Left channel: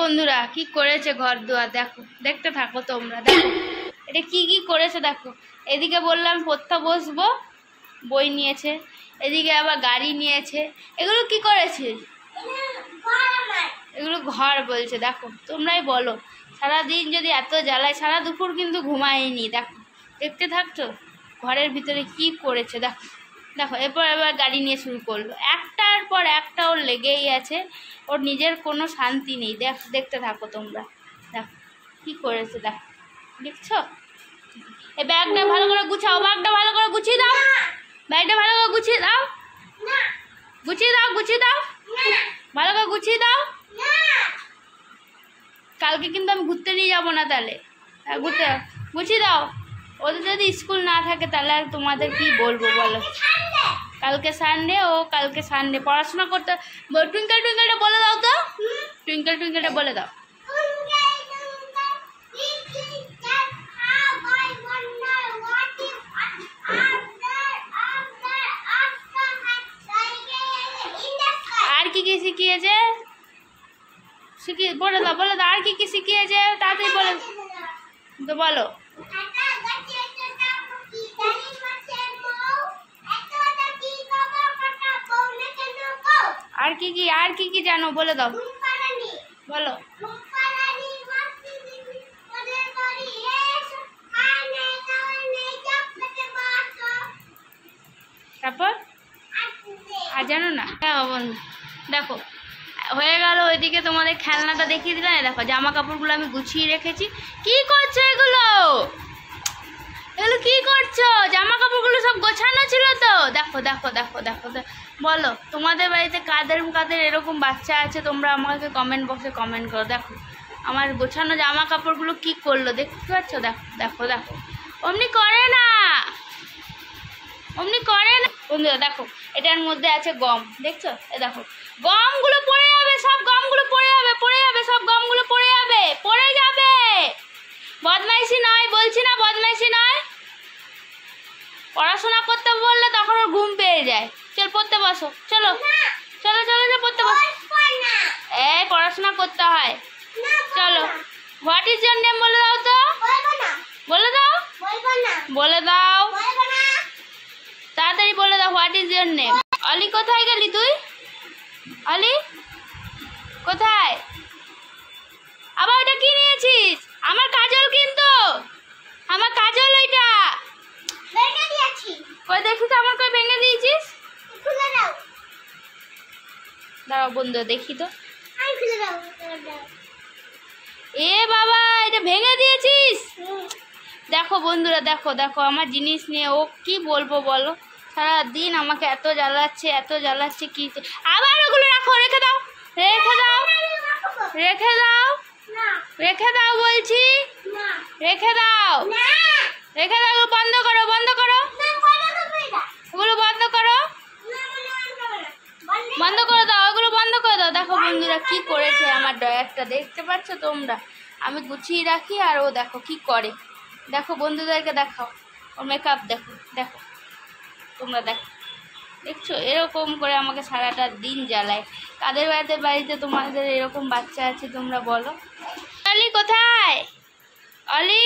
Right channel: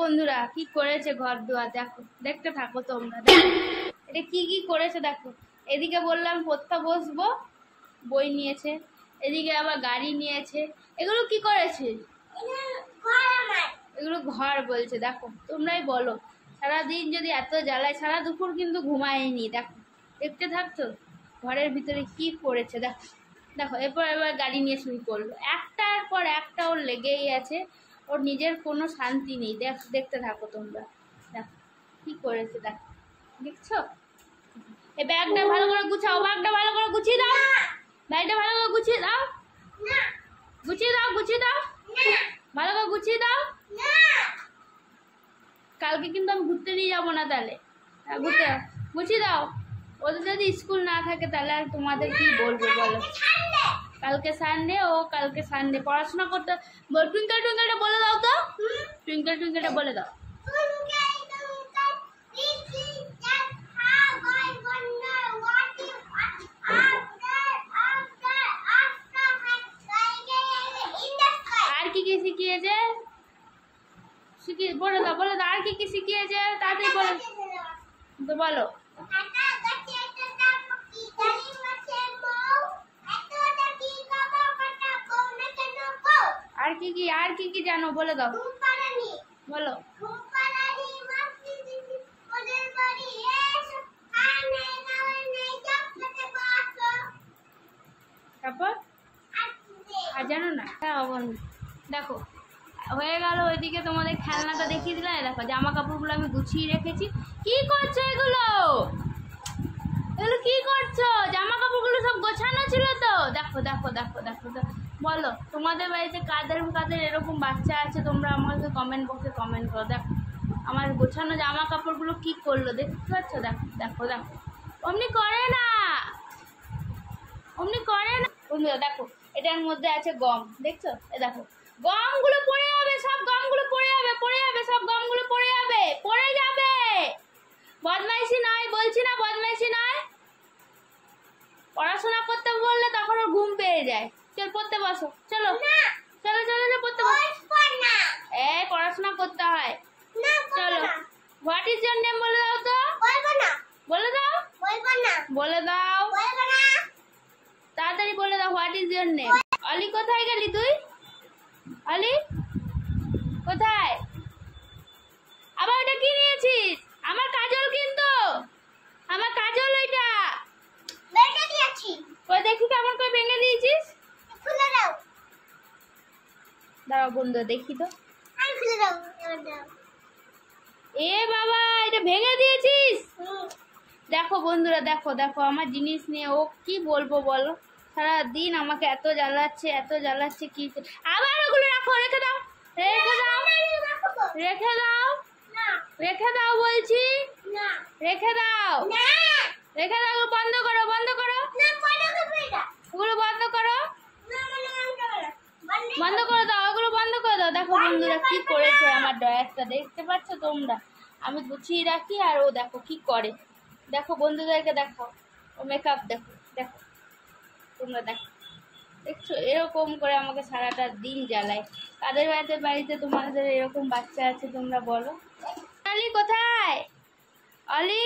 বন্ধুরা কি করেছে ঘর দুয়ার দেখো, দেখতে থাকো তোমরা। দেখো এটা কি কি করেছে দেখো। এদিকে বললাম পড়তে বসবো, বই নিয়েছে, এদিকে আবার গাড়ি নিয়েছে। এগুলো কি করেছে? এগুলো ঘর বলছে। দেখো তোমরাই বলো, সারাদিন যদি এত জ্বালায়, সারা দুপুর কিন্তু ঘুমায়নি। দেখো দেখতে থাকছো ঘরের ভিতরে কি করেছে। দেখো দেখো এবার গাড়ি নিয়ে শুরু করলো, একটার পর একটা ওর লেগেই আছে। ওর নিজের কোনো শান্তি নেই। দেখতে থাকো তোমরা। দেখো কি করেছে, দেখো দেখছো। এই ব্যাগটা ভালো করে গুছাও, ব্যাগটা ভালো করে গুছিয়ে দাও, ব্যাগটা ভালো করে গুছিয়ে দাও, গুছিয়ে দাও, গুছিয়ে দাও, ভালো করে গুছিয়ে দাও। কালকে কিন্তু আমি ঘুরতে নিয়ে যাবো না, তাহলে ঘুরতে গুছিয়ে দাও। ওদের যদি স্কুল না থাকে তাহলে আর তোমাদের কি বলবো বলো। কালকে সানডে, ও কালকে সানডে পড়াশোনা করতে। টুইঙ্কেল টুইঙ্কেলটা বলে দাও তো, টুইঙ্কেল টুইঙ্কেলটা বলে দাও। আর কি কি শিখিয়েছে বলে দাও, বলে দাও। আর কি কি শিখিয়েছে তাড়াতাড়ি বলে তো বলো। আর কি কি জানো বলে দাও, বলো। তারপর আর জানো না? হ্যাঁ বন্ধু দেখো হয়ে গেল। ওইদিকে তোমাদের খেলনাটা দেখিয়ে দিলাম। দেখো জামা কাপড়গুলো আমি গুছিয়ে রেখেছি। কি করছো এগুলো? এগুলো কি করছো? জামা কাপড়গুলো সব গোছানো ছিল তো। দেখো দেখো দেখো দেখো বলো, তোমাদের বাড়িতে কাদের কাদের এরকম বাচ্চা আছে তোমরা আমাকে কমেন্ট বক্সে কমেন্ট করো। দেখো আমার গোছানো জামা কাপড়গুলো কি করলো দেখতে পাচ্ছ? দেখো দেখো দেখো, অমনি করে না, অমনি করে না। বন্ধুরা দেখো এটার মধ্যে আছে গম, দেখছো? এ দেখো গমগুলো পড়ে যাবে, সব গমগুলো পড়ে যাবে, পড়ে যাবে, সব গমগুলো পড়ে যাবে, পড়ে যাবে। বদমাইশি নয় বলছি না, বদমাইশি নয়। পড়াশোনা করতে বললে তখন ওর ঘুম পেয়ে যায়। চল পড়তে বসো, চলো চলো চলো চলো পড়তে বসো। এই পড়াশোনা করতে হয়, চলো। হোয়াট ইজ ইওর নেম বলে দাও তো, বলে দাও, বলে দাও, তাড়াতাড়ি বলে দাও। What is your name? অলি কোথায় গেলি তুই? অলি কোথায়? আবার ওটা কি নিয়েছিস? আমার কাজল, কিন্তু আমার কাজল ওইটা ভেঙে দিয়েছি। কই দেখি তো আমার, কই ভেঙে দিয়েছিস? খুলে দাও, দাও বন্ধু দেখি তো। আমি খুলে দাও। এ বাবা এটা ভেঙে দিয়েছিস। দেখো বন্ধুরা দেখো দেখো আমার জিনিস নিয়ে ও কি বলবো বলো। সারাদিন আমাকে এত জ্বালাচ্ছে, এত জ্বালাচ্ছে। কি আবার ওগুলো রাখো, রেখে দাও, রেখে দাও, রেখে দাও, রেখে দাও বলছি, রেখে দাও, রেখে দাও। বন্ধ করো, বন্ধ করো, ওগুলো বন্ধ করো, বন্ধ করে দাও, ওগুলো বন্ধ করে দাও। দেখো বন্ধুরা কি করেছে আমার ড্রয়ারটা, দেখতে পাচ্ছ তোমরা? আমি গুছিয়ে রাখি আর ও দেখো কি করে। দেখো বন্ধুদেরকে দেখাও ওর মেকআপ, দেখো দেখো তোমরা দেখো, দেখছো? এরকম করে আমাকে সারাটা দিন জ্বালায়। কাদের বাড়িতে তোমাদের এরকম বাচ্চা আছে তোমরা বলো। অলি কোথায়? অলি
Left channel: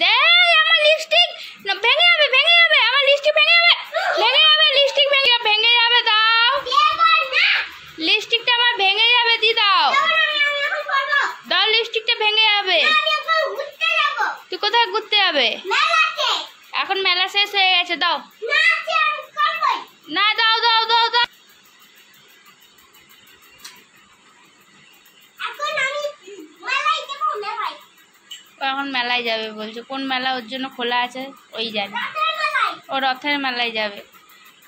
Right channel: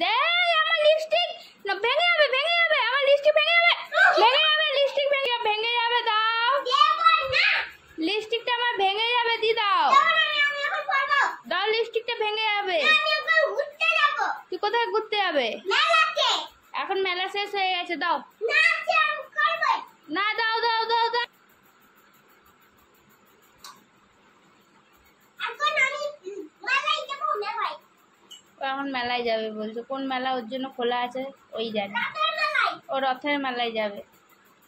দে, আমার লিপস্টিক ভেঙে যাবে, ভেঙে যাবে, আমার লিপস্টিক ভেঙে যাবে, ভেঙে যাবে, লিপস্টিক ভেঙে যাবে। দাও লিপস্টিকটা আমার ভেঙে যাবে, দি দাও, দাও লিপস্টিকটা ভেঙে যাবে। তুই কোথায় ঘুরতে যাবে? এখন মেলা শেষ হয়ে গেছে, দাও না, দাও দাও দাও দাও। এখন মেলায় যাবে বলছো? কোন মেলা ওর জন্য খোলা আছে ওই জানে। ও রথের মেলায় যাবে।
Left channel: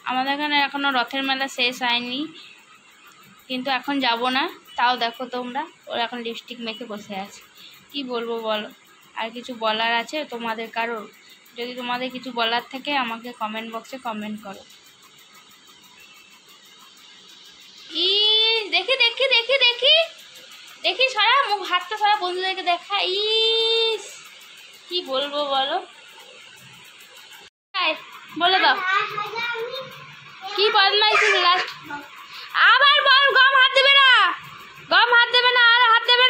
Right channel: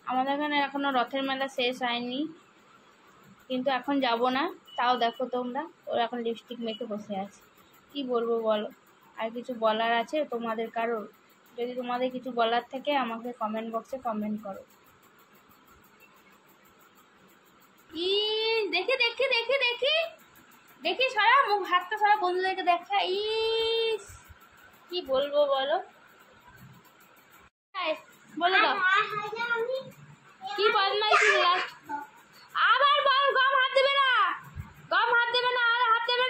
আমাদের এখানে এখনো রথের মেলা শেষ হয়নি, কিন্তু এখন যাব না। তাও দেখো তোমরা, ওর এখন লিপস্টিক মেখে বসে আছে। কি বলবো বলো? আর কিছু বলার আছে তোমাদের কারোর? যদি তোমাদের কিছু বলার থাকে আমাকে কমেন্ট বক্সে কমেন্ট করো। ই দেখি দেখি দেখি দেখি দেখি, সরা মুখ, হাতটা সরা, বন্ধুদেরকে দেখা। ইস কি বলবো বলো, বলে দাও কি বদমাইশি। লাস্ট আবার বল, গম হাত দেবে না, গম হাত দেবে না, আর হাত দেবে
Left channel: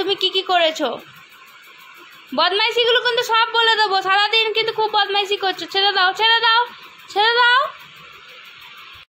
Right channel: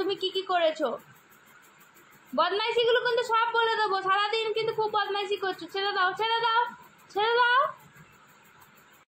তুমি কি কি করেছো। বদমাইশিগুলো কিন্তু সব বলে দেবো, সারাদিন কিন্তু খুব বদমাইশি করছো। ছেড়ে দাও, ছেড়ে দাও, ছেড়ে দাও।